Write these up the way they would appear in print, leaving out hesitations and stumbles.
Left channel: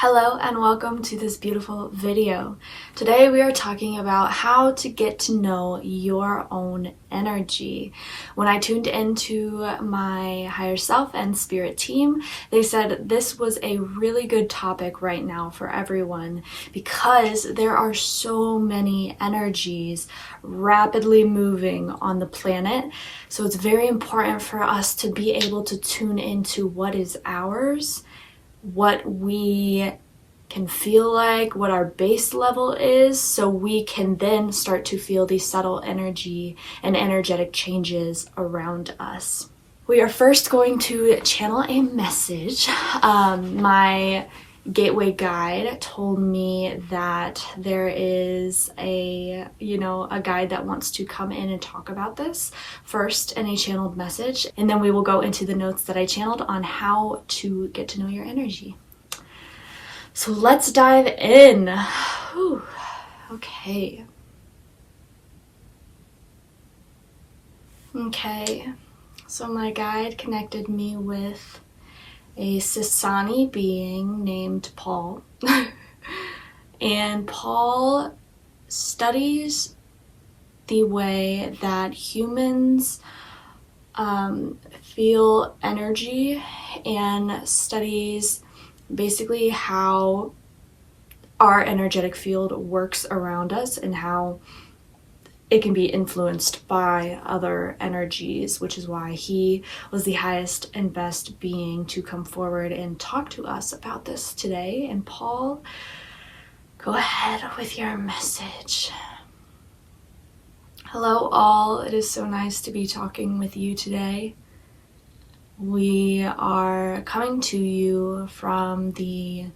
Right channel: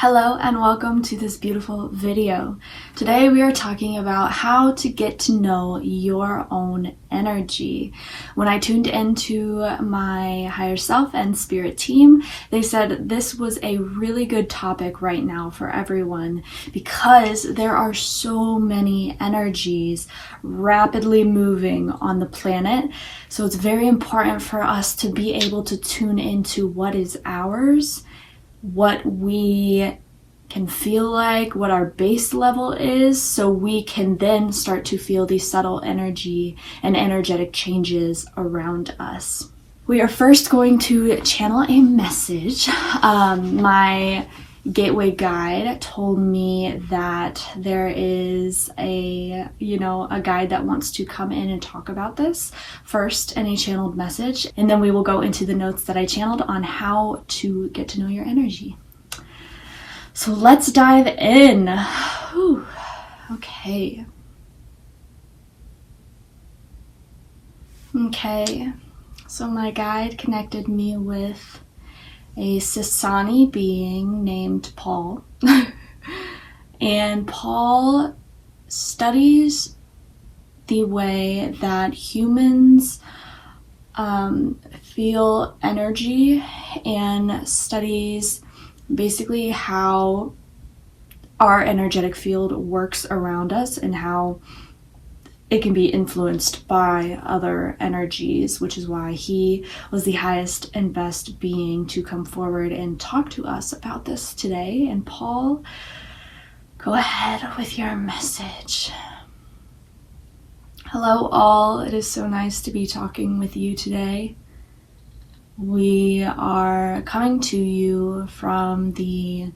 Hello and welcome to this beautiful video. Today we are talking about how to get to know your own energy. When I tuned into my higher self and spirit team, they said this was a really good topic right now for everyone because there are so many energies rapidly moving on the planet. So it's very important for us to be able to tune into what is ours, what we can feel like, what our base level is, so we can then start to feel these subtle energy and energetic changes around us. We are first going to channel a message. My gateway guide told me that there is a guide that wants to come in and talk about this first in a channeled message, and then we will go into the notes that I channeled on how to get to know your energy. So let's dive in. Whew. Okay, so my guide connected me with a Sasani being named Paul. And Paul studies the way that humans feel energy and studies basically how our energetic field works around us and how it can be influenced by other energies, which is why he was the highest and best being to come forward and talk to us about this today. And Paul, go ahead with your message. Hello all, it is so nice to be talking with you today. We are coming to you from the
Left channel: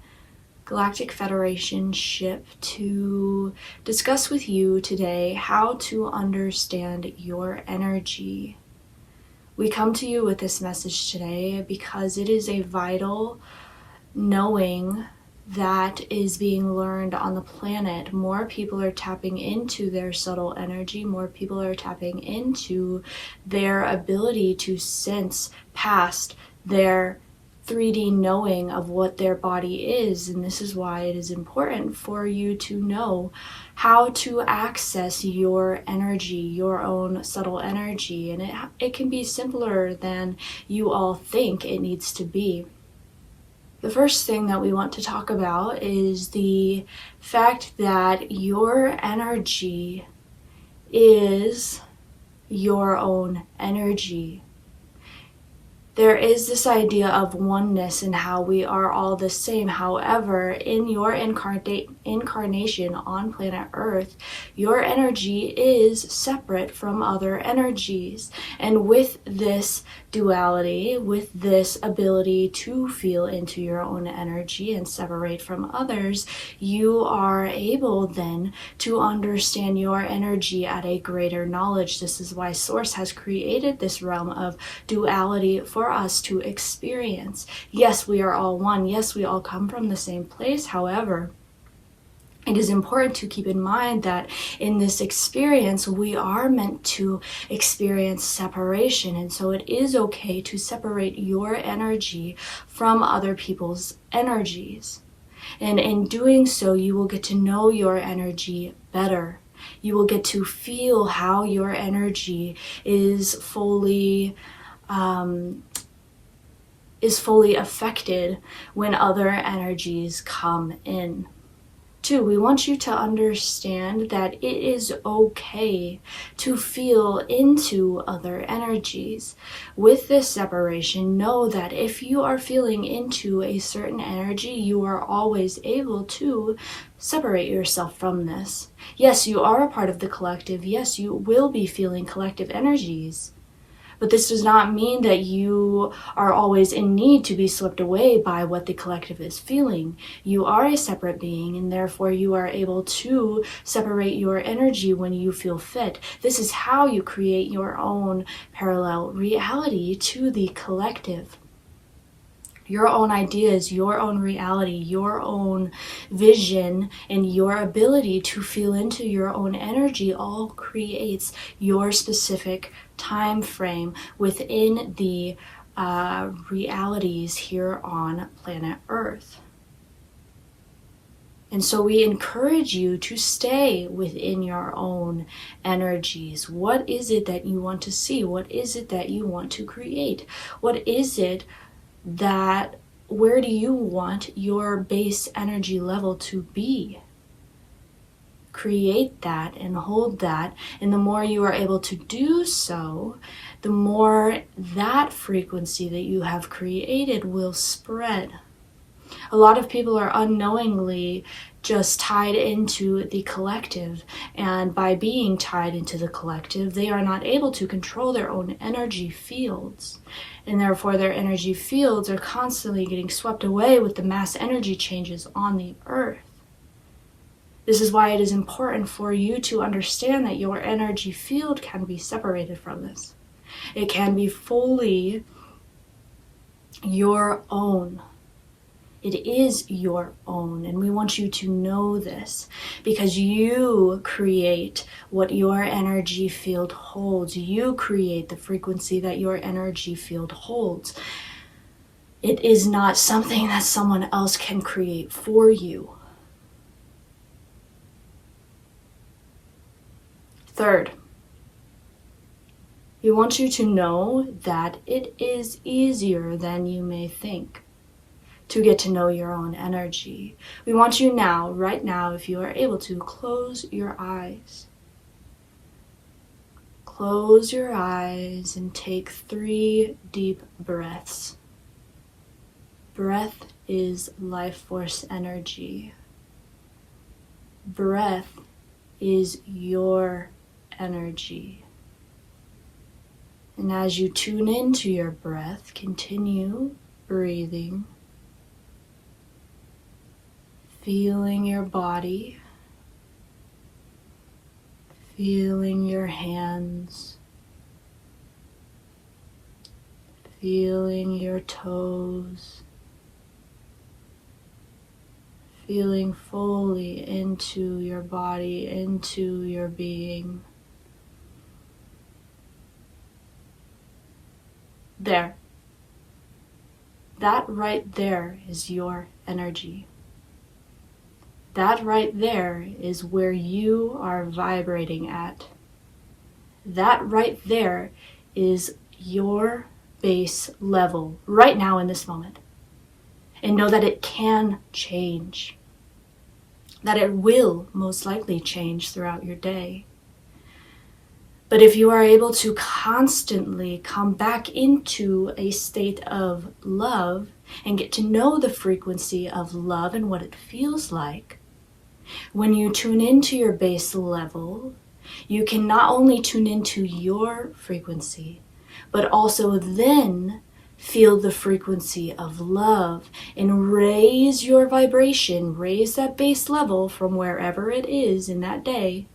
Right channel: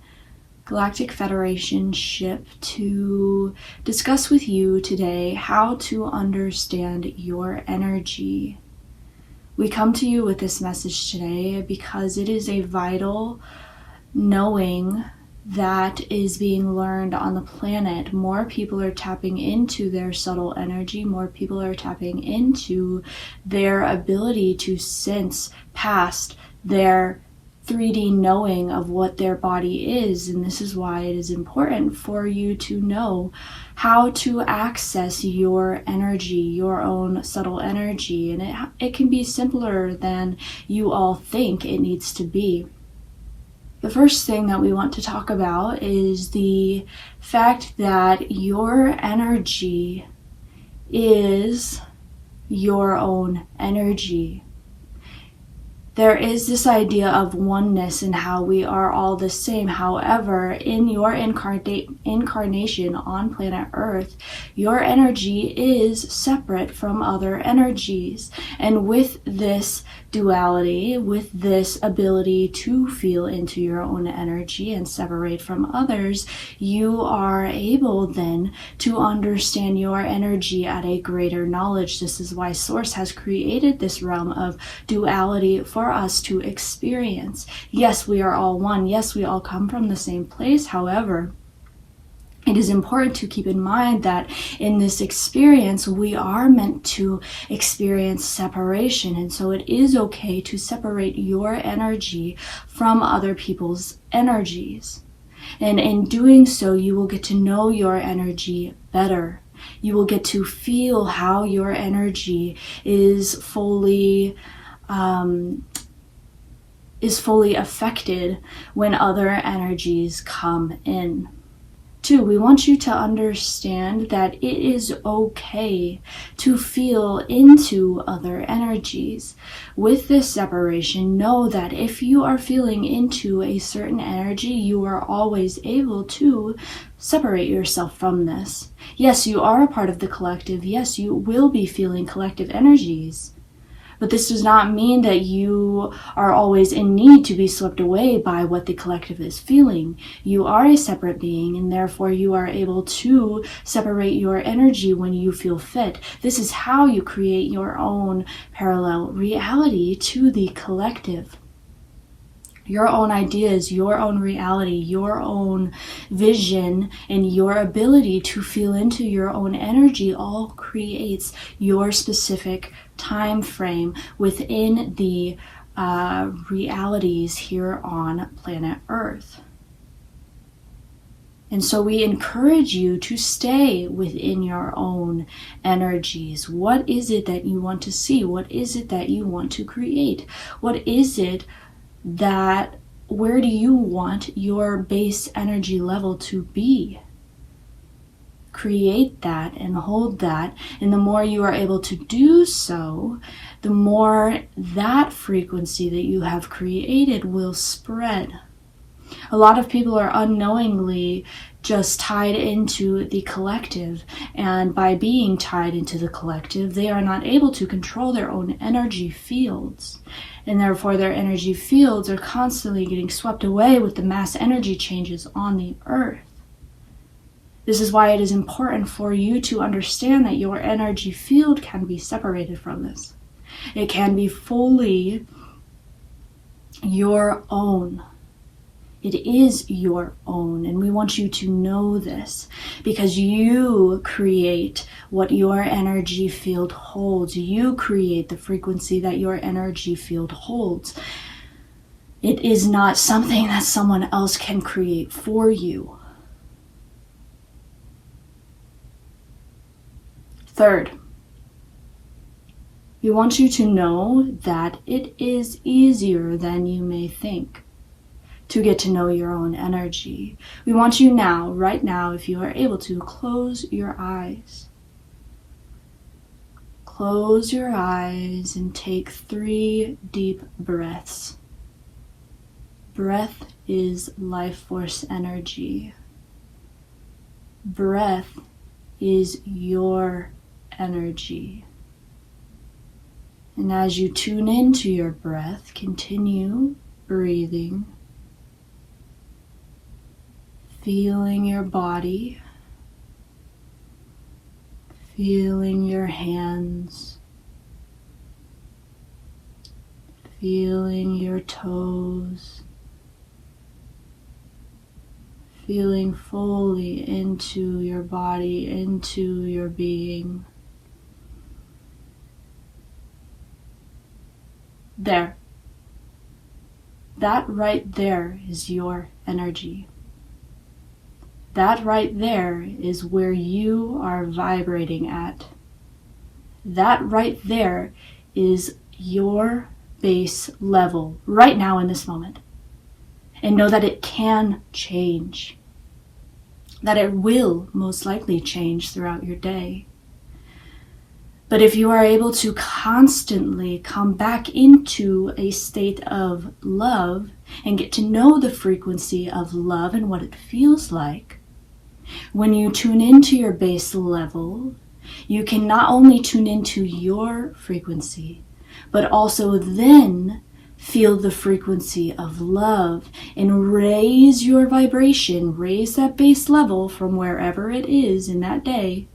Galactic Federation ship to discuss with you today how to understand your energy. We come to you with this message today because it is a vital knowing that is being learned on the planet. More people are tapping into their subtle energy. More people are tapping into their ability to sense past their 3D knowing of what their body is. And this is why it is important for you to know how to access your energy, your own subtle energy. And it can be simpler than you all think it needs to be. The first thing that we want to talk about is the fact that your energy is your own energy. There is this idea of oneness and how we are all the same. However, in your incarnation on planet Earth, your energy is separate from other energies. And with this duality, with this ability to feel into your own energy and separate from others, you are able then to understand your energy at a greater knowledge. This is why Source has created this realm of duality for us to experience. Yes, we are all one. Yes, we all come from the same place. However, it is important to keep in mind that in this experience, we are meant to experience separation. And so it is okay to separate your energy from other people's energies. And in doing so, you will get to know your energy better. You will get to feel how your energy is fully affected when other energies come in. 2, we want you to understand that it is okay to feel into other energies. With this separation, know that if you are feeling into a certain energy, you are always able to separate yourself from this. Yes, you are a part of the collective. Yes, you will be feeling collective energies. But this does not mean that you are always in need to be swept away by what the collective is feeling. You are a separate being, and therefore you are able to separate your energy when you feel fit. This is how you create your own parallel reality to the collective. Your own ideas, your own reality, your own vision, and your ability to feel into your own energy all creates your specific time frame within the realities here on planet Earth. And so we encourage you to stay within your own energies. What is it that you want to see? What is it that you want to create? What is it that, where do you want your base energy level to be? Create that and hold that. And the more you are able to do so, the more that frequency that you have created will spread. A lot of people are unknowingly just tied into the collective, and by being tied into the collective, they are not able to control their own energy fields, and therefore their energy fields are constantly getting swept away with the mass energy changes on the earth. This is why it is important for you to understand that your energy field can be separated from this. It can be fully your own. It is your own, and we want you to know this because you create what your energy field holds. You create the frequency that your energy field holds. It is not something that someone else can create for you. Third, we want you to know that it is easier than you may think to get to know your own energy. We want you now, right now, if you are able to, close your eyes. Close your eyes and take 3 deep breaths. Breath is life force energy. Breath is your energy. And as you tune into your breath, continue breathing. Feeling your body, feeling your hands, feeling your toes, feeling fully into your body, into your being. There. That right there is your energy. That right there is where you are vibrating at. That right there is your base level right now in this moment. And know that it can change. That it will most likely change throughout your day. But if you are able to constantly come back into a state of love and get to know the frequency of love and what it feels like, when you tune into your base level, you can not only tune into your frequency, but also then feel the frequency of love and raise your vibration, raise that base level from wherever it is in that day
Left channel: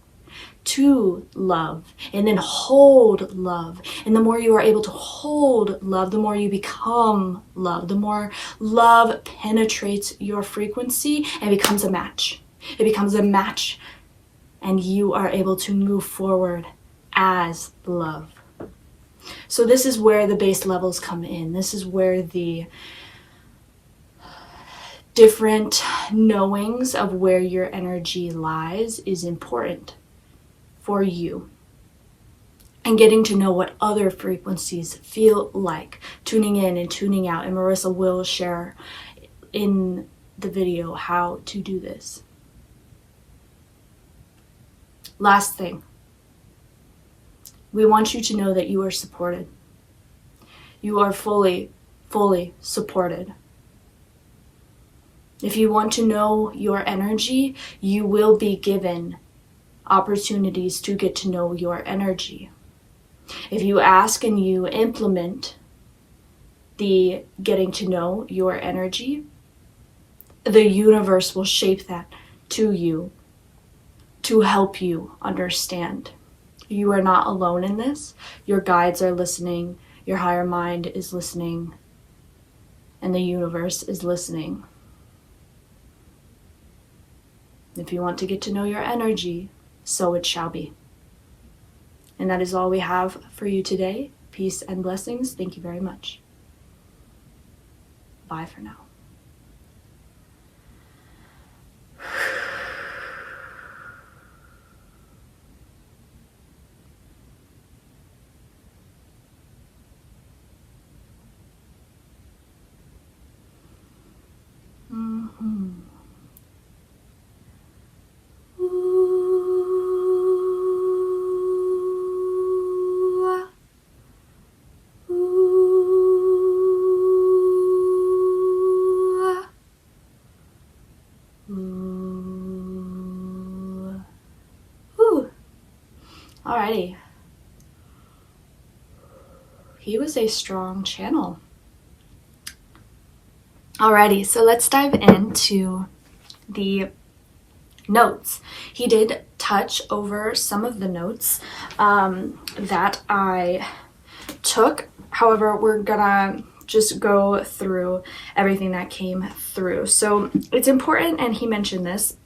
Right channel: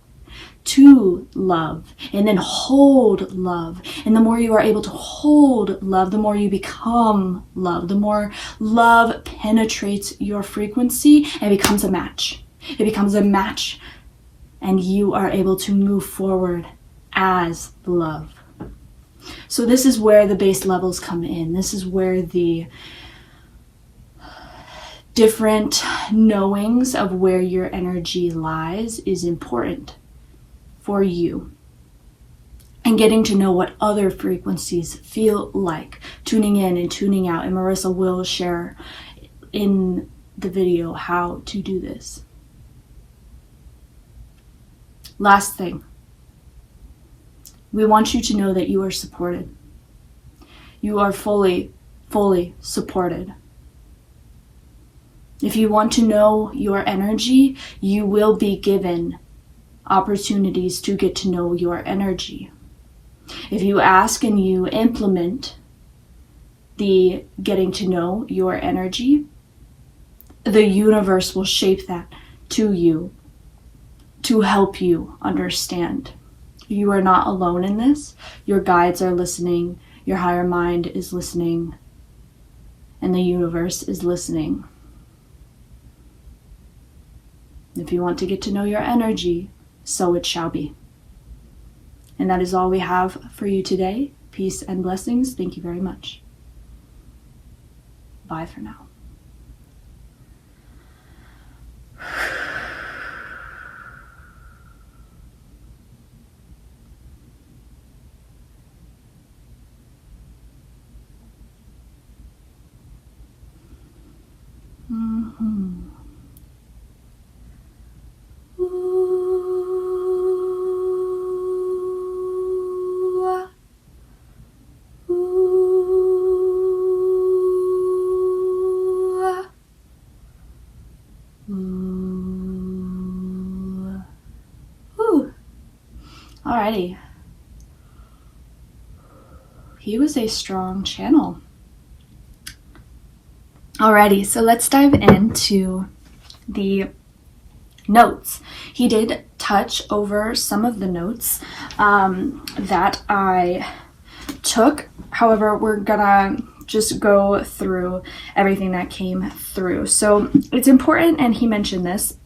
to love, and then hold love. And the more you are able to hold love, the more you become love. The more love penetrates your frequency and becomes a match. It becomes a match, and you are able to move forward as love. So this is where the base levels come in. This is where the different knowings of where your energy lies is important for you. And getting to know what other frequencies feel like, tuning in and tuning out. And Marissa will share in the video how to do this. Last thing, we want you to know that you are supported. You are fully supported. If you want to know your energy, you will be given opportunities to get to know your energy. If you ask and you implement the getting to know your energy, the universe will shape that to you, to help you understand. You are not alone in this. Your guides are listening. Your higher mind is listening. And the universe is listening. If you want to get to know your energy, so it shall be. And that is all we have for you today. Peace and blessings. Thank you very much. Bye for now. Ooh. Ooh. Alrighty. He was a strong channel. Alrighty, so let's dive into the notes. He did touch over some of the notes that I took. However, we're gonna just go through everything that came through. So it's important, and he mentioned this,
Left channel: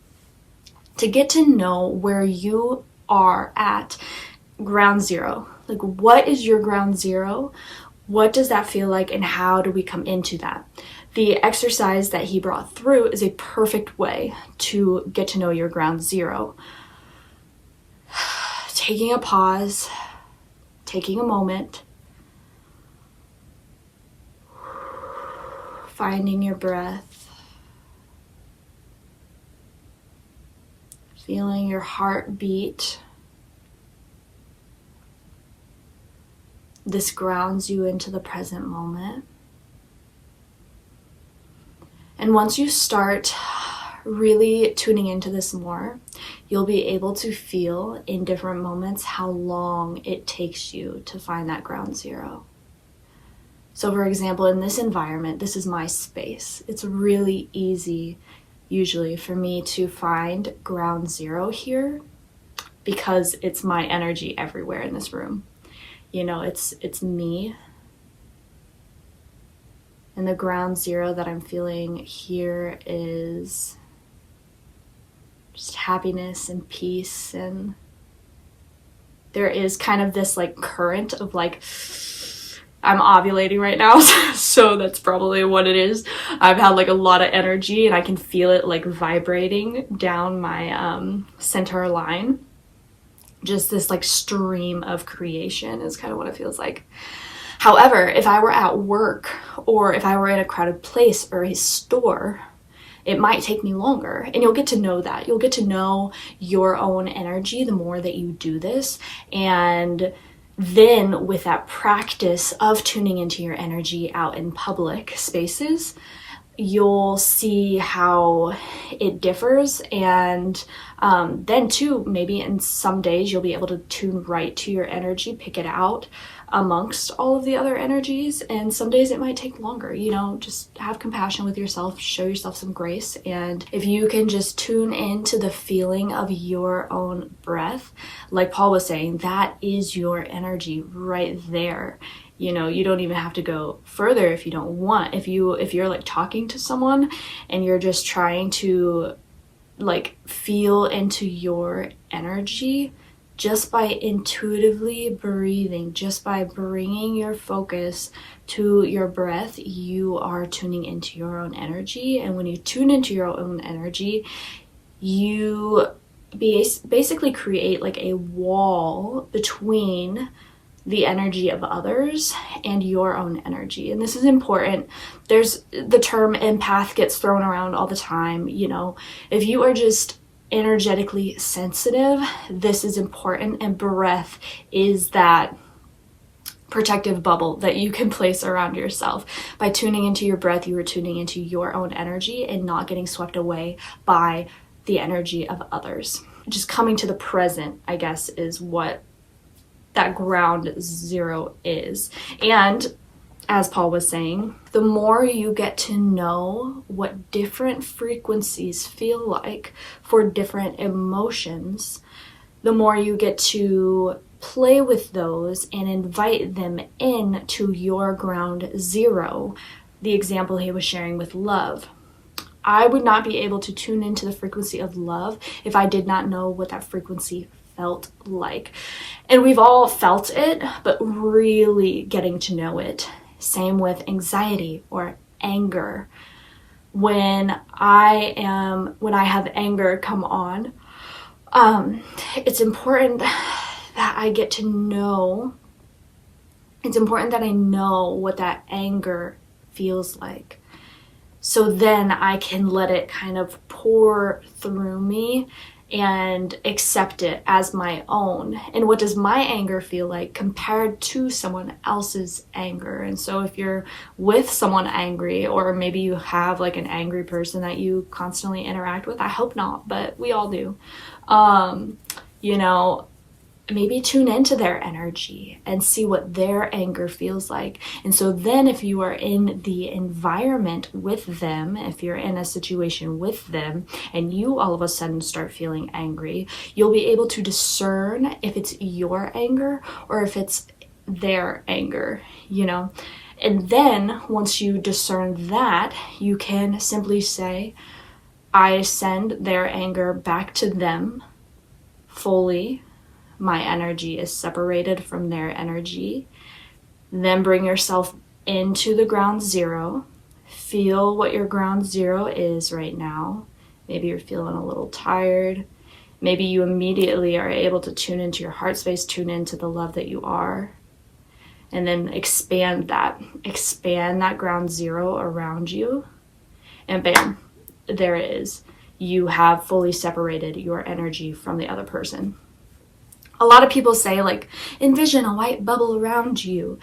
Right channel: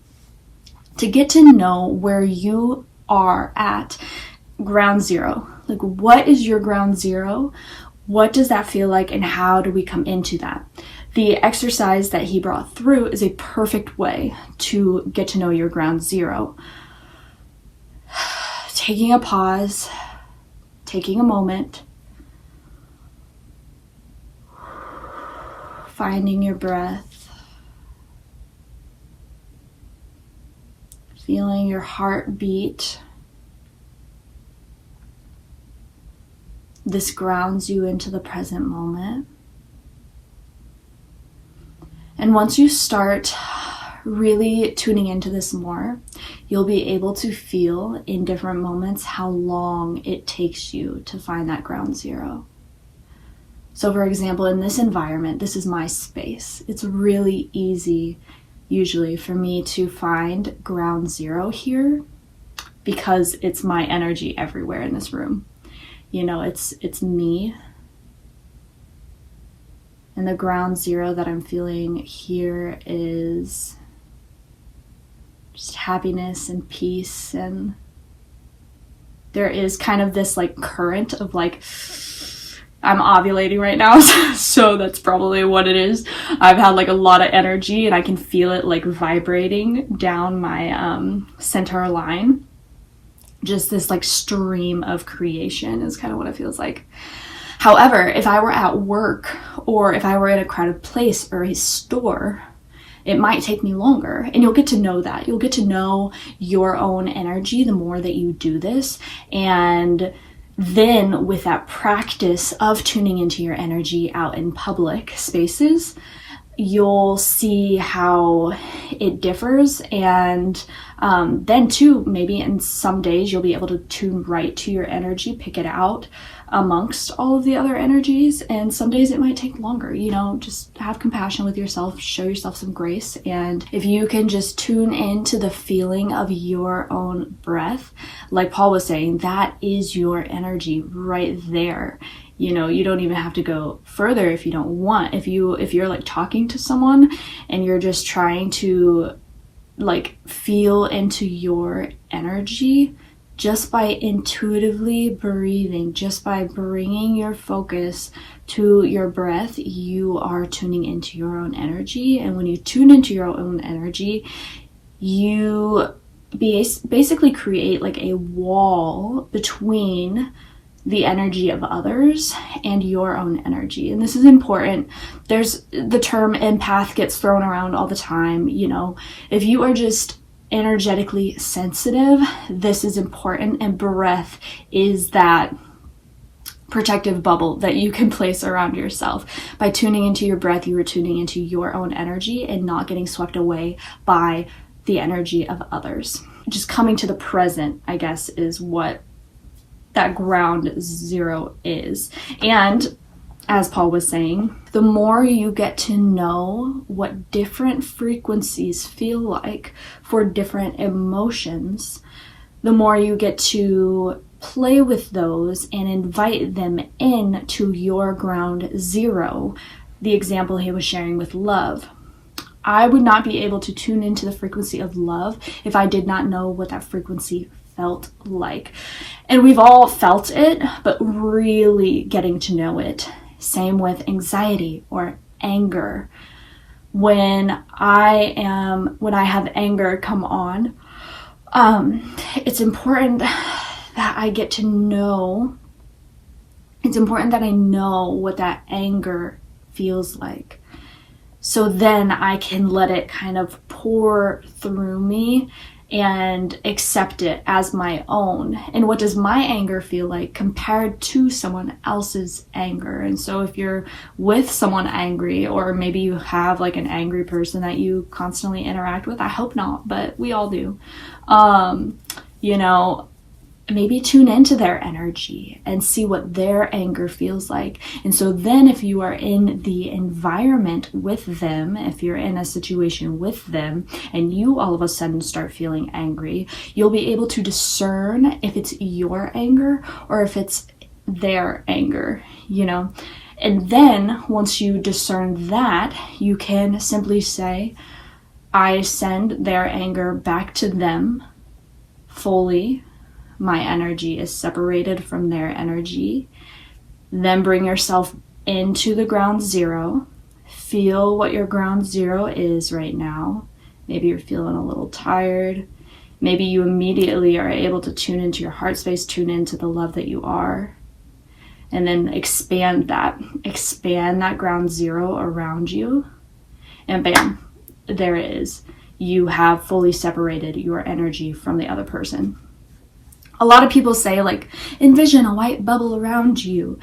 to get to know where you are at ground zero. Like, what is your ground zero? What does that feel like, and how do we come into that? The exercise that he brought through is a perfect way to get to know your ground zero. Taking a pause, taking a moment, finding your breath, feeling your heart beat. This grounds you into the present moment. And once you start really tuning into this more, you'll be able to feel in different moments how long it takes you to find that ground zero. So for example, in this environment, this is my space. It's really easy usually for me to find ground zero here because it's my energy everywhere in this room. You know, it's me. And the ground zero that I'm feeling here is just happiness and peace. And there is kind of this like current of like, I'm ovulating right now, so that's probably what it is. I've had like a lot of energy and I can feel it like vibrating down my center line. Just this like stream of creation is kind of what it feels like. However, if I were at work or if I were in a crowded place or a store, it might take me longer. And you'll get to know that. You'll get to know your own energy the more that you do this. And then with that practice of tuning into your energy out in public spaces, you'll see how it differs. And then too, maybe in some days you'll be able to tune right to your energy, pick it out amongst all of the other energies. And some days it might take longer. You know, just have compassion with yourself, show yourself some grace. And if you can just tune into the feeling of your own breath, like Paul was saying, that is your energy right there. You know, you don't even have to go further if you don't want. If you're like talking to someone and you're just trying to like feel into your energy, just by intuitively breathing, just by bringing your focus to your breath, you are tuning into your own energy. And when you tune into your own energy, you basically create like a wall between the energy of others and your own energy. And this is important. There's the term empath gets thrown around all the time. You know, if you are just energetically sensitive, this is important. And breath is that protective bubble that you can place around yourself. By tuning into your breath, you are tuning into your own energy and not getting swept away by the energy of others. Just coming to the present, I guess, is what that ground zero is. And as Paul was saying, the more you get to know what different frequencies feel like for different emotions, the more you get to play with those and invite them in to your ground zero. The example he was sharing with love. I would not be able to tune into the frequency of love if I did not know what that frequency felt like. And we've all felt it, but really getting to know it. Same with anxiety or anger. When I have anger come on, it's important that I get to know, it's important that I know what that anger feels like. So then I can let it kind of pour through me and accept it as my own. And what does my anger feel like compared to someone else's anger? And so if you're with someone angry, or maybe you have like an angry person that you constantly interact with, I hope not, but we all do, you know, maybe tune into their energy and see what their anger feels like. And so then if you are in the environment with them, if you're in a situation with them and you all of a sudden start feeling angry, you'll be able to discern if it's your anger or if it's their anger, you know. And then once you discern that, you can simply say, I send their anger back to them fully. My energy is separated from their energy. Then bring yourself into the ground zero. Feel what your ground zero is right now. Maybe you're feeling a little tired. Maybe you immediately are able to tune into your heart space, tune into the love that you are. And then expand that ground zero around you. And bam, there it is. You have fully separated your energy from the other person. A lot of people say, like, envision a white bubble around you.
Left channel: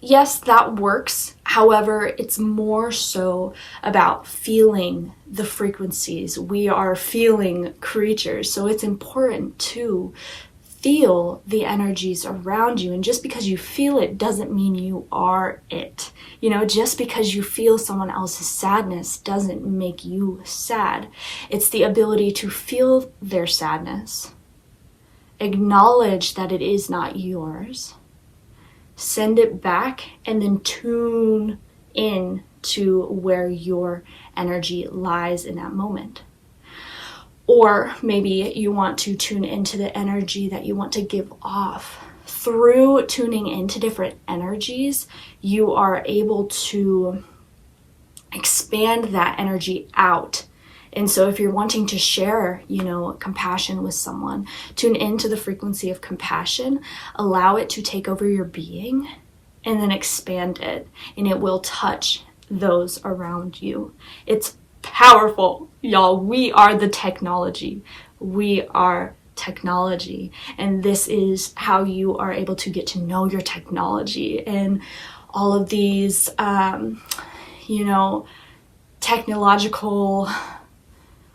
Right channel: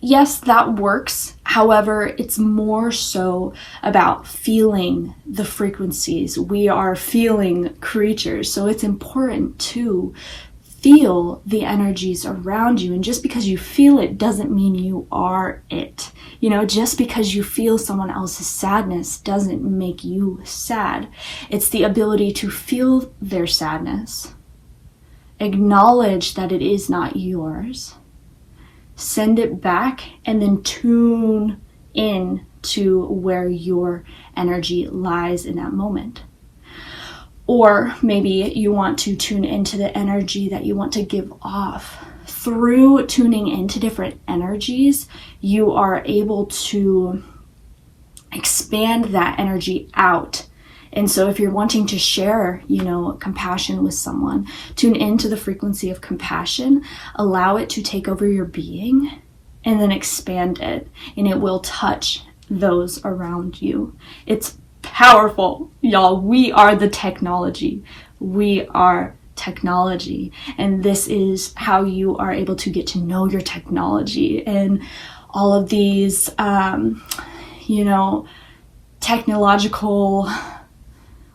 Yes, that works. However, it's more so about feeling the frequencies. We are feeling creatures, so it's important to feel the energies around you. And just because you feel it doesn't mean you are it. You know, just because you feel someone else's sadness doesn't make you sad. It's the ability to feel their sadness. Acknowledge that it is not yours, send it back, and then tune in to where your energy lies in that moment. Or maybe you want to tune into the energy that you want to give off. Through tuning into different energies, you are able to expand that energy out. And so if you're wanting to share, you know, compassion with someone, tune into the frequency of compassion, allow it to take over your being, and then expand it, and it will touch those around you. It's powerful, y'all. We are the technology. We are technology. And this is how you are able to get to know your technology. And all of these, you know, technological...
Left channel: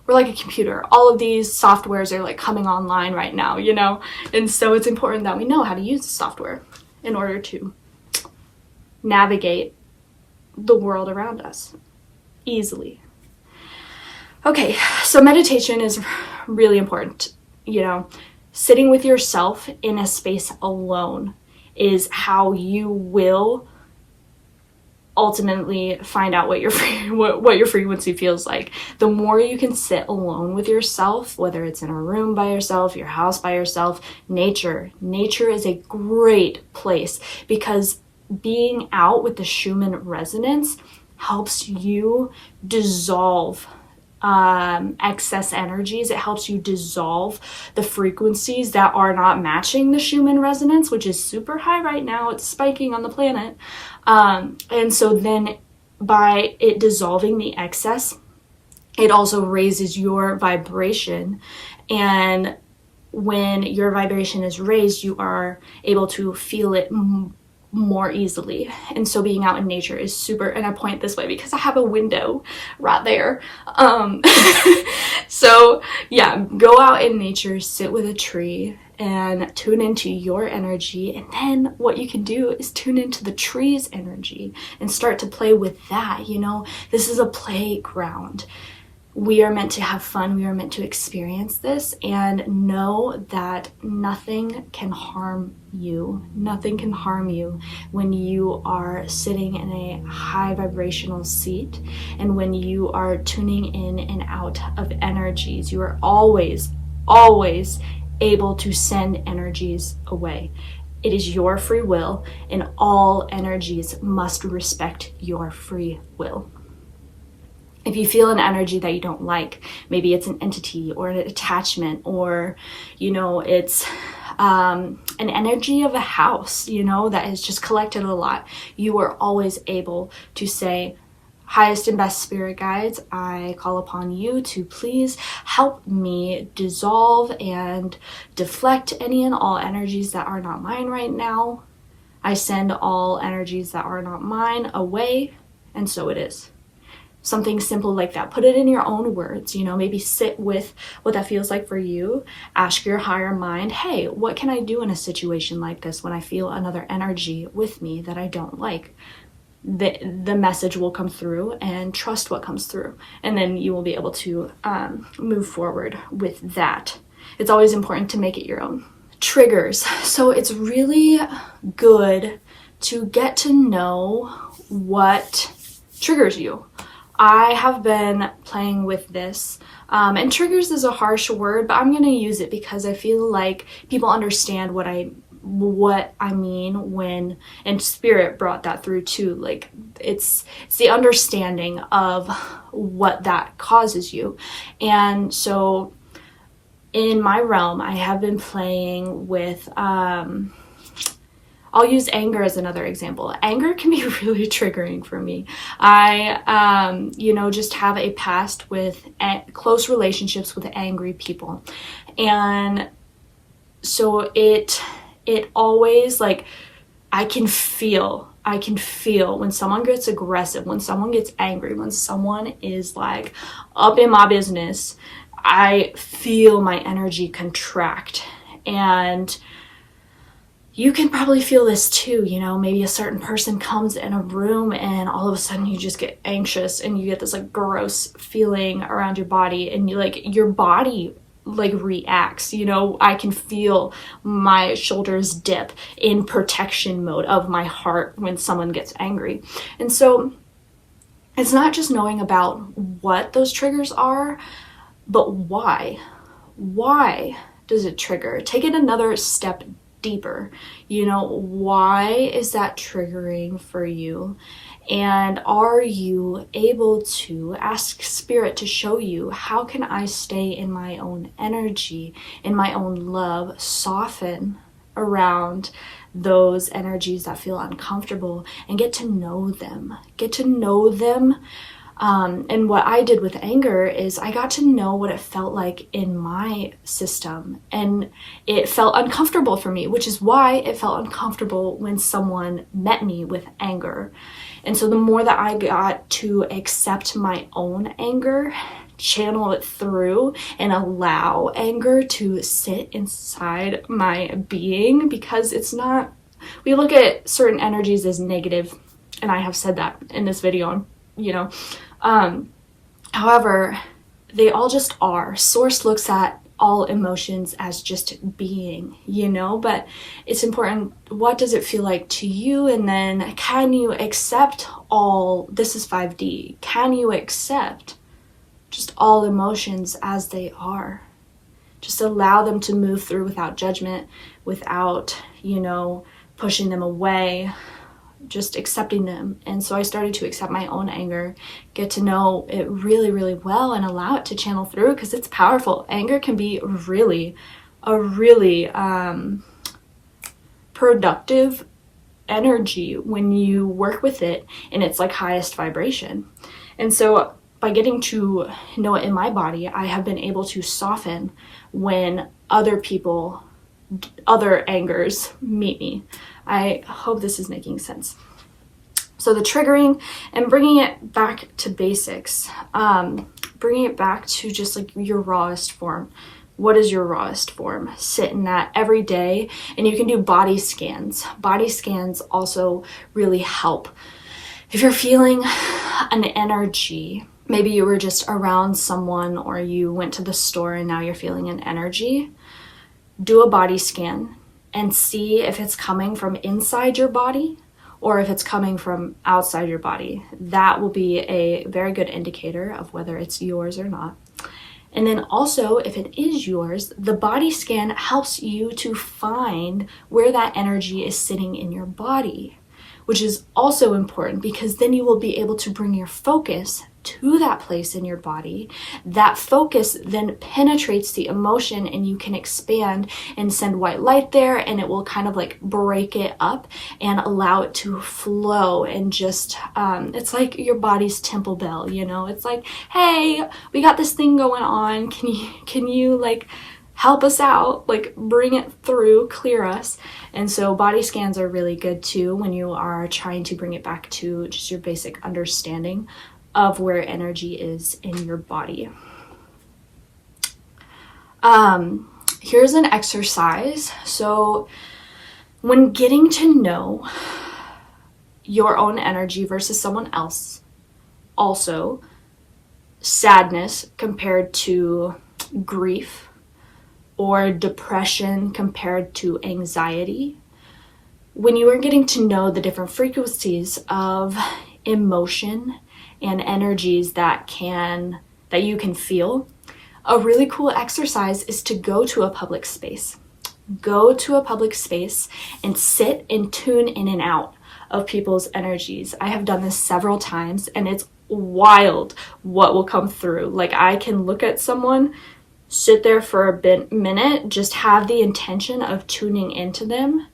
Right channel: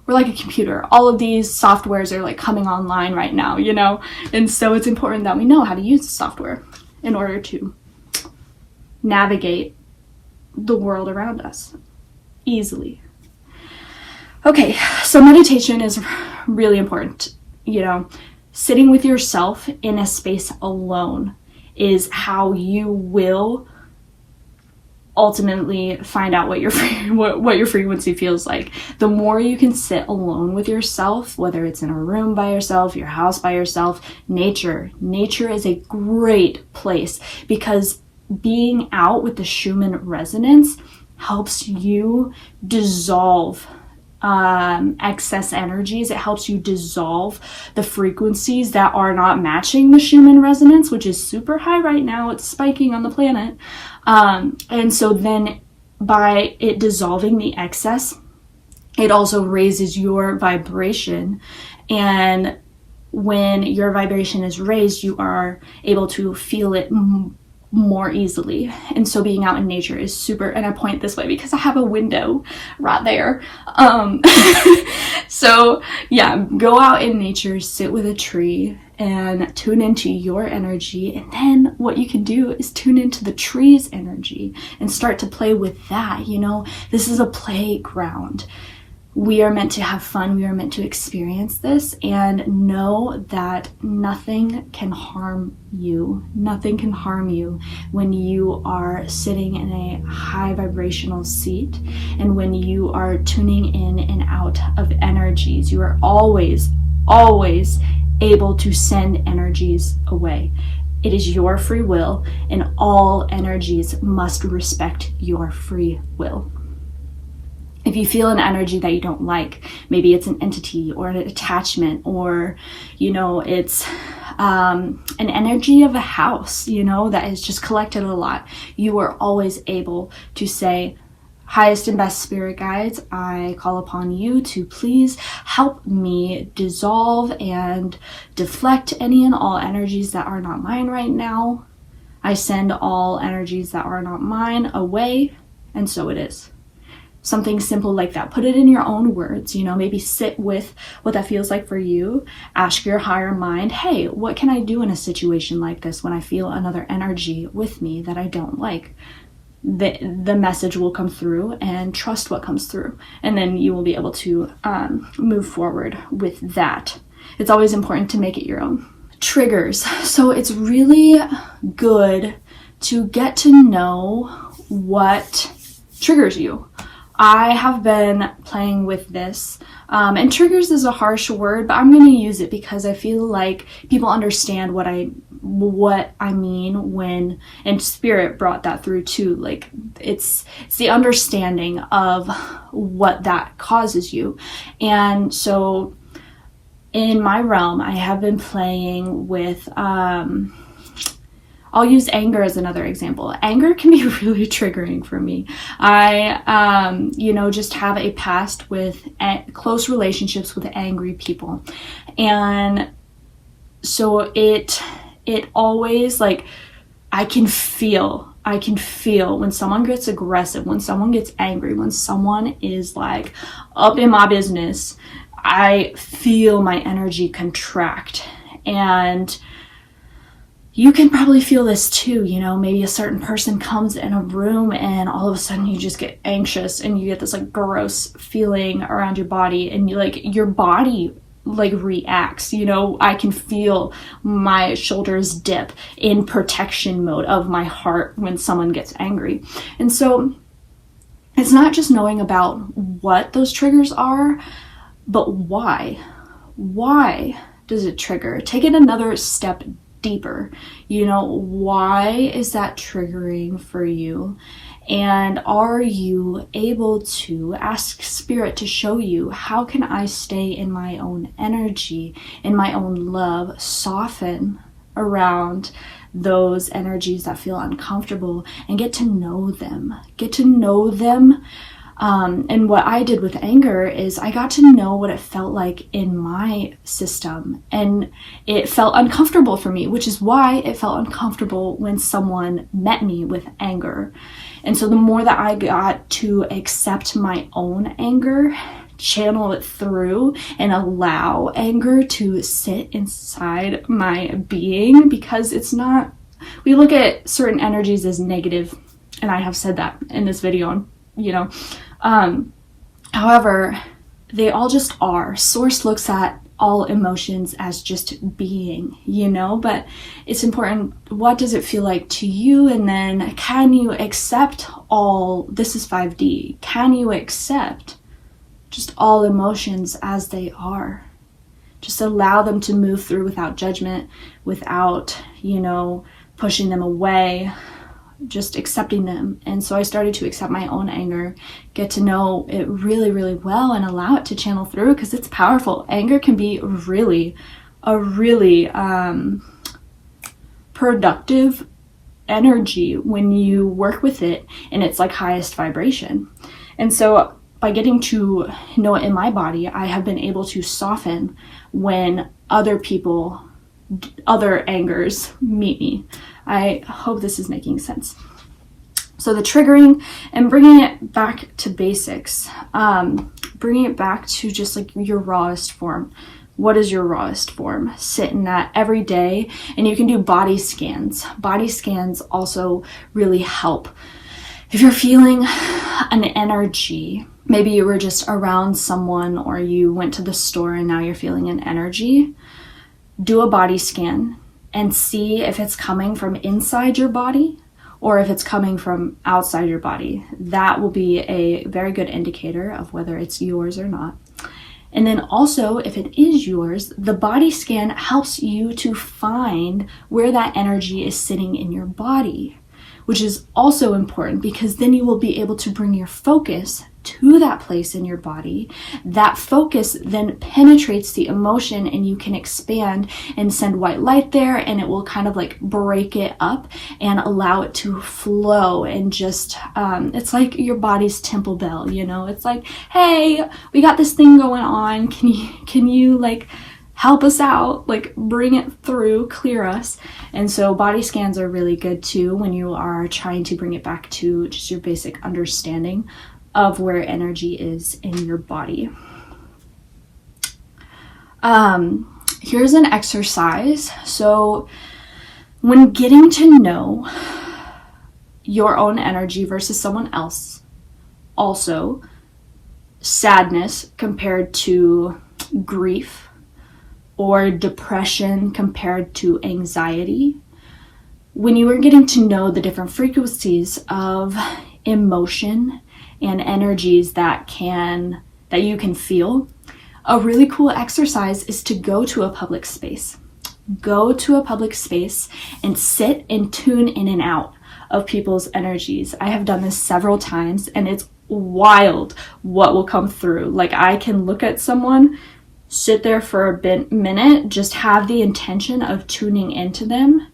We're like a computer. All of these softwares are like coming online right now, you know? And so it's important that we know how to use software in order to navigate the world around us easily. Okay, so meditation is really important. You know, sitting with yourself in a space alone is how you will ultimately find out what your frequency feels like. The more you can sit alone with yourself, whether it's in a room by yourself, your house by yourself, nature is a great place, because being out with the Schumann resonance helps you dissolve excess energies. It helps you dissolve the frequencies that are not matching the Schumann resonance, which is super high right now. It's spiking on the planet. And so then by it dissolving the excess, it also raises your vibration. And when your vibration is raised, you are able to feel it more easily. And so being out in nature is super, and I point this way because I have a window right there. So yeah, go out in nature, sit with a tree, and tune into your energy. And then what you can do is tune into the tree's energy and start to play with that. You know, this is a playground. We are meant to have fun. We are meant to experience this, and know that nothing can harm you. Nothing can harm you when you are sitting in a high vibrational seat, and when you are tuning in and out of energies. You are always able to send energies away. It is your free will, and all energies must respect your free will. If you feel an energy that you don't like, maybe it's an entity or an attachment, or, you know, it's an energy of a house, you know, that is just collected a lot, you are always able to say, highest and best spirit guides, I call upon you to please help me dissolve and deflect any and all energies that are not mine right now. I send all energies that are not mine away, and so it is. Something simple like that. Put it in your own words, maybe sit with what that feels like for you. Ask your higher mind, hey, what can I do in a situation like this when I feel another energy with me that I don't like? The message will come through, and trust what comes through. And then you will be able to move forward with that. It's always important to make it your own. Triggers. So it's really good to get to know what triggers you. I have been playing with this, and triggers is a harsh word, but I'm going to use it because I feel like people understand what I mean when, and spirit brought that through too. Like it's the understanding of what that causes you. And so in my realm, I have been playing with, I'll use anger as another example. Anger can be really triggering for me. I, just have a past with close relationships with angry people. And so it always, like, I can feel when someone gets aggressive, when someone gets angry, when someone is like up in my business, I feel my energy contract. And you can probably feel this too, maybe a certain person comes in a room and all of a sudden you just get anxious and you get this like gross feeling around your body, and your body reacts. I can feel my shoulders dip in protection mode of my heart when someone gets angry. And so it's not just knowing about what those triggers are, but why does it trigger? Take it another step deeper. Why is that triggering for you? And are you able to ask spirit to show you, how can I stay in my own energy, in my own love, soften around those energies that feel uncomfortable, and get to know them. And what I did with anger is I got to know what it felt like in my system, and it felt uncomfortable for me, which is why it felt uncomfortable when someone met me with anger. And so the more that I got to accept my own anger, channel it through, and allow anger to sit inside my being, because it's not, we look at certain energies as negative, and I have said that in this video, however, they all just are. Source looks at all emotions as just being, but it's important, what does it feel like to you? And then can you accept all, this is 5D, can you accept just all emotions as they are? Just allow them to move through without judgment, without, pushing them away, just accepting them. And so I started to accept my own anger, get to know it really, really well, and allow it to channel through, because it's powerful. Anger can be a really productive energy when you work with it in its highest vibration. And so by getting to know it in my body, I have been able to soften when other angers meet me. I hope this is making sense. So the triggering and bringing it back to basics, bringing it back to just your rawest form. What is your rawest form? Sit in that every day, and you can do body scans. Body scans also really help. If you're feeling an energy, maybe you were just around someone, or you went to the store and now you're feeling an energy, do a body scan and see if it's coming from inside your body or if it's coming from outside your body. That will be a very good indicator of whether it's yours or not. And then also, if it is yours, the body scan helps you to find where that energy is sitting in your body, which is also important, because then you will be able to bring your focus to that place in your body. That focus then penetrates the emotion, and you can expand and send white light there, and it will kind of like break it up and allow it to flow. And just it's like your body's temple bell, you know. It's like, hey, we got this thing going on, can you like help us out, like bring it through, clear us. And so body scans are really good too when you are trying to bring it back to just your basic understanding of where energy is in your body. Here's an exercise. So when getting to know your own energy versus someone else, also sadness compared to grief, or depression compared to anxiety, when you are getting to know the different frequencies of emotion and energies that you can feel, a really cool exercise is to go to a public space. Go to a public space and sit and tune in and out of people's energies. I have done this several times, and it's wild what will come through. Like, I can look at someone, sit there for a minute, just have the intention of tuning into them.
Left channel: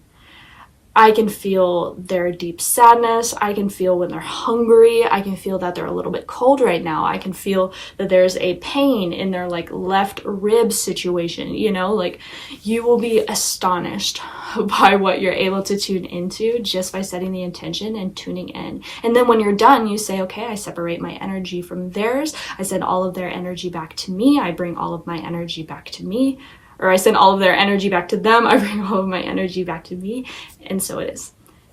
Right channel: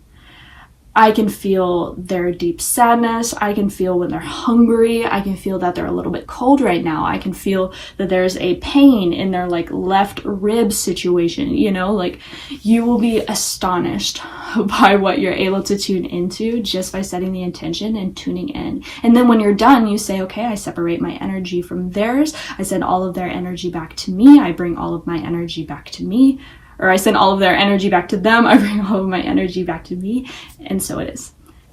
I can feel their deep sadness. I can feel when they're hungry. I can feel that they're a little bit cold right now. I can feel that there's a pain in their like left rib situation, you know, like you will be astonished by what you're able to tune into just by setting the intention and tuning in. And then when you're done, you say, okay, I separate my energy from theirs. I send all of their energy back to me. I bring all of my energy back to me. Or I send all of their energy back to them. I bring all of my energy back to me. And so it is.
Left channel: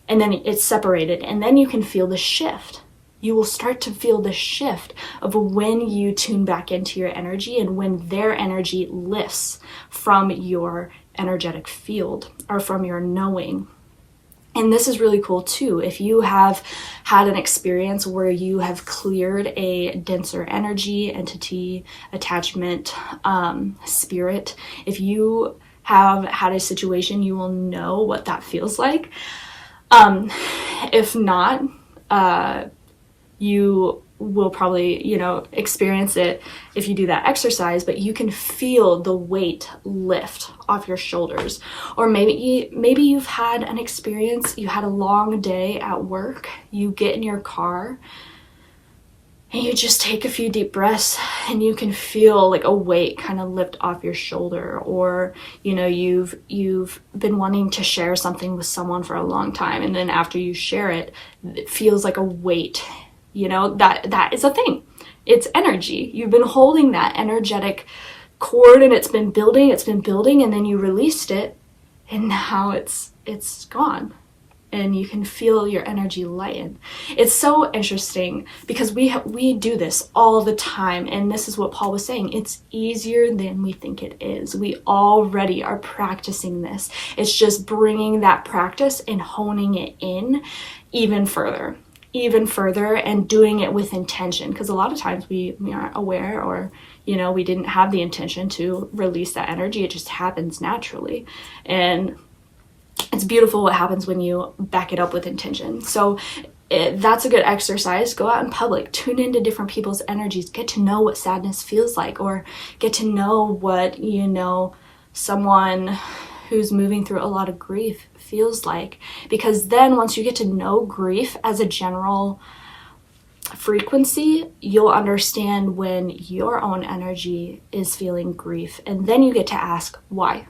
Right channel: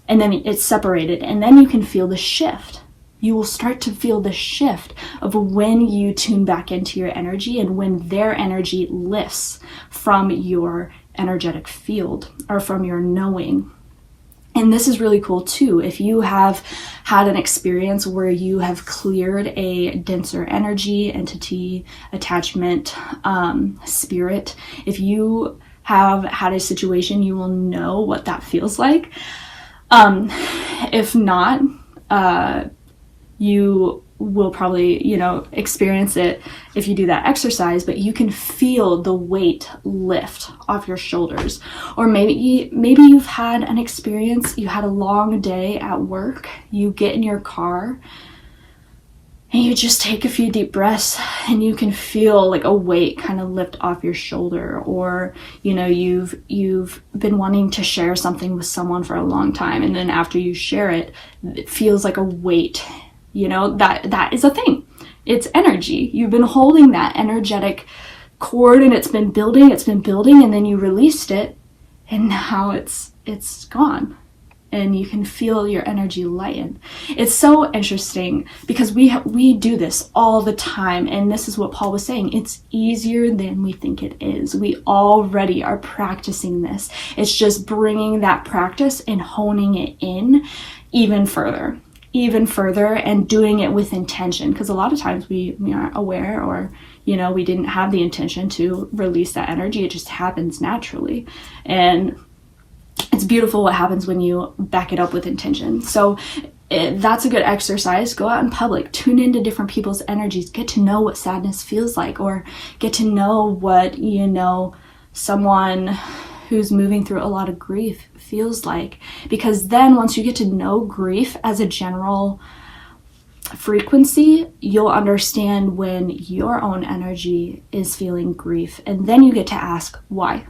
And then it's separated. And then you can feel the shift. You will start to feel the shift of when you tune back into your energy and when their energy lifts from your energetic field or from your knowing. And this is really cool too. If you have had an experience where you have cleared a denser energy, entity, attachment, spirit, if you have had a situation, you will know what that feels like. If not, you will probably, experience it if you do that exercise, but you can feel the weight lift off your shoulders. Or maybe you've had an experience, you had a long day at work, you get in your car and you just take a few deep breaths and you can feel like a weight kind of lift off your shoulder. Or, you've been wanting to share something with someone for a long time, and then after you share it, it feels like a weight. That is a thing. It's energy. You've been holding that energetic cord and it's been building, and then you released it, and now it's gone. And you can feel your energy lighten. It's so interesting because we do this all the time, and this is what Paul was saying. It's easier than we think it is. We already are practicing this. It's just bringing that practice and honing it in even further and doing it with intention, because a lot of times we aren't aware, or we didn't have the intention to release that energy. It just happens naturally, and it's beautiful what happens when you back it up with intention. So that's a good exercise. Go out in public, tune into different people's energies, get to know what sadness feels like, or get to know what someone who's moving through a lot of grief feels like. Because then once you get to know grief as a general frequency, you'll understand when your own energy is feeling grief, and then you get to ask why.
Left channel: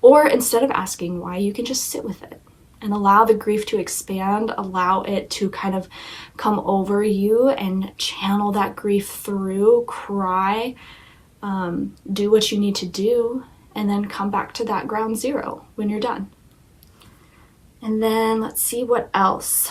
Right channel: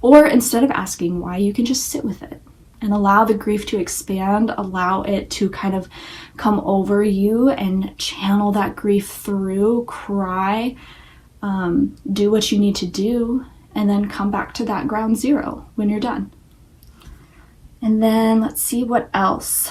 Or instead of asking why, you can just sit with it and allow the grief to expand, allow it to kind of come over you, and channel that grief through, cry, do what you need to do, and then come back to that ground zero when you're done. And then let's see what else.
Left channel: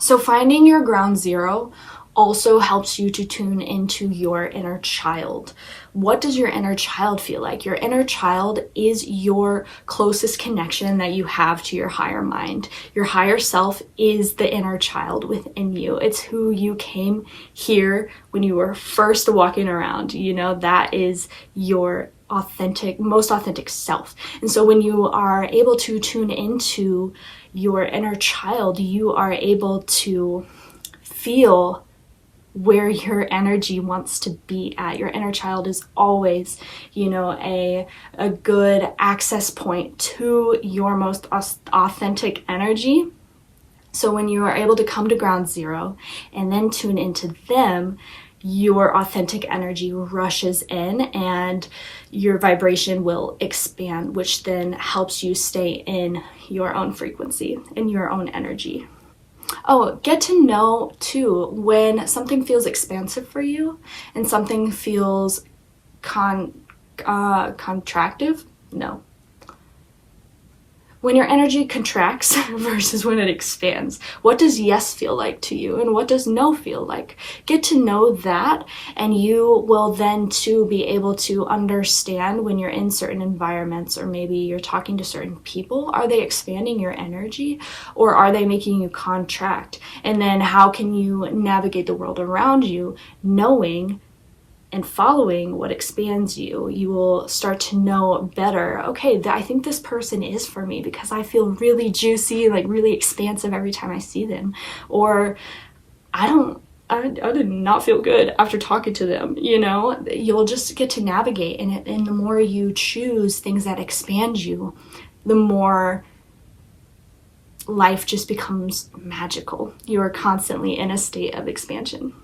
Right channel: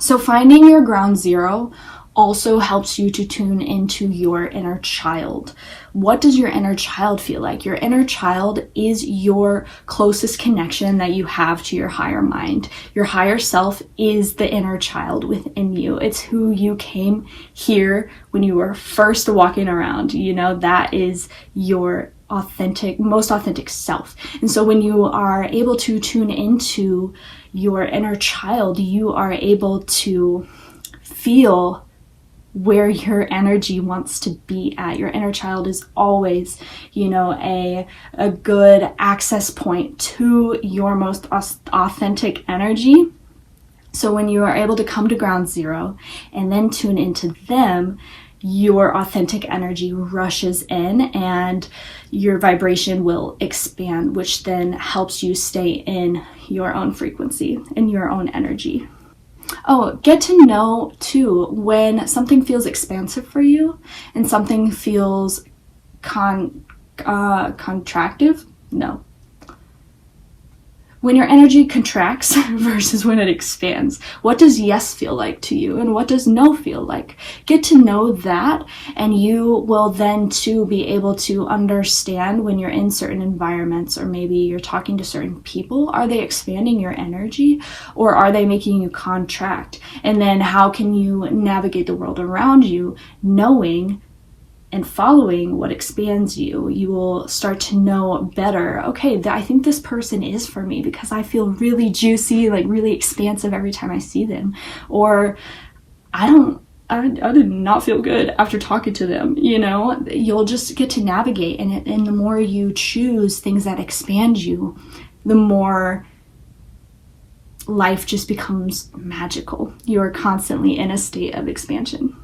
So finding your ground zero also helps you to tune into your inner child. What does your inner child feel like? Your inner child is your closest connection that you have to your higher mind. Your higher self is the inner child within you. It's who you came here when you were first walking around. That is your most authentic self. And so when you are able to tune into your inner child, you are able to feel where your energy wants to be at. Your inner child is always, a good access point to your most authentic energy. So when you are able to come to ground zero and then tune into them, your authentic energy rushes in and your vibration will expand, which then helps you stay in your own frequency, in your own energy. Oh, get to know too when something feels expansive for you and something feels contractive. No. When your energy contracts versus when it expands, what does yes feel like to you and what does no feel like? Get to know that, and you will then too be able to understand when you're in certain environments, or maybe you're talking to certain people. Are they expanding your energy or are they making you contract? And then how can you navigate the world around you knowing and following what expands you? You will start to know better, okay, I think this person is for me because I feel really juicy, like really expansive every time I see them. Or I did not feel good after talking to them, You'll just get to navigate. And the more you choose things that expand you, the more life just becomes magical. You're constantly in a state of expansion.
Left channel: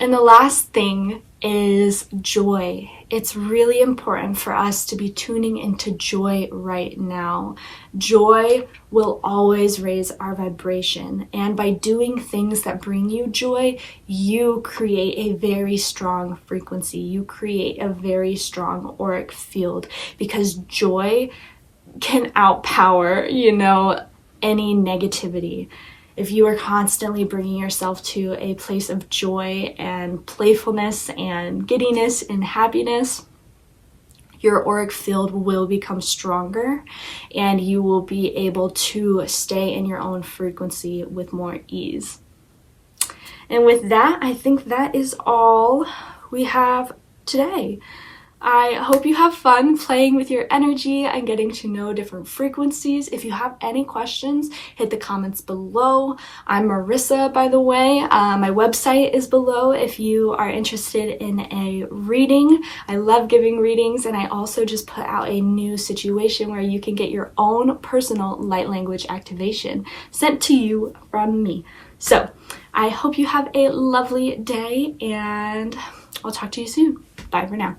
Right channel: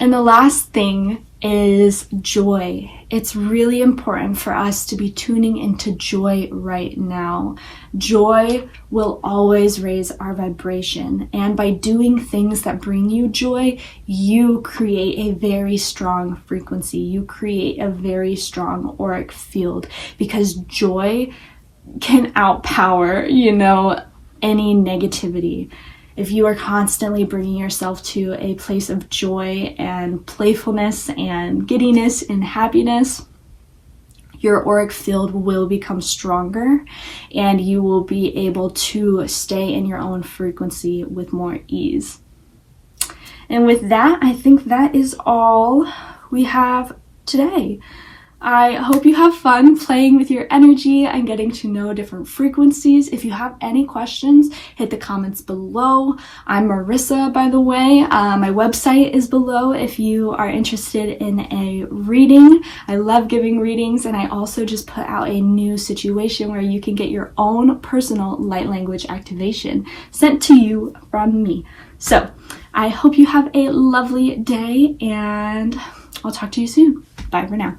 And the last thing is joy. It's really important for us to be tuning into joy right now. Joy will always raise our vibration. And by doing things that bring you joy, you create a very strong frequency. You create a very strong auric field, because joy can outpower, any negativity. If you are constantly bringing yourself to a place of joy and playfulness and giddiness and happiness, your auric field will become stronger and you will be able to stay in your own frequency with more ease. And with that, I think that is all we have today. I hope you have fun playing with your energy and getting to know different frequencies. If you have any questions, hit the comments below. I'm Marissa, by the way. My website is below if you are interested in a reading. I love giving readings, and I also just put out a new situation where you can get your own personal light language activation sent to you from me. So I hope you have a lovely day, and I'll talk to you soon. Bye for now.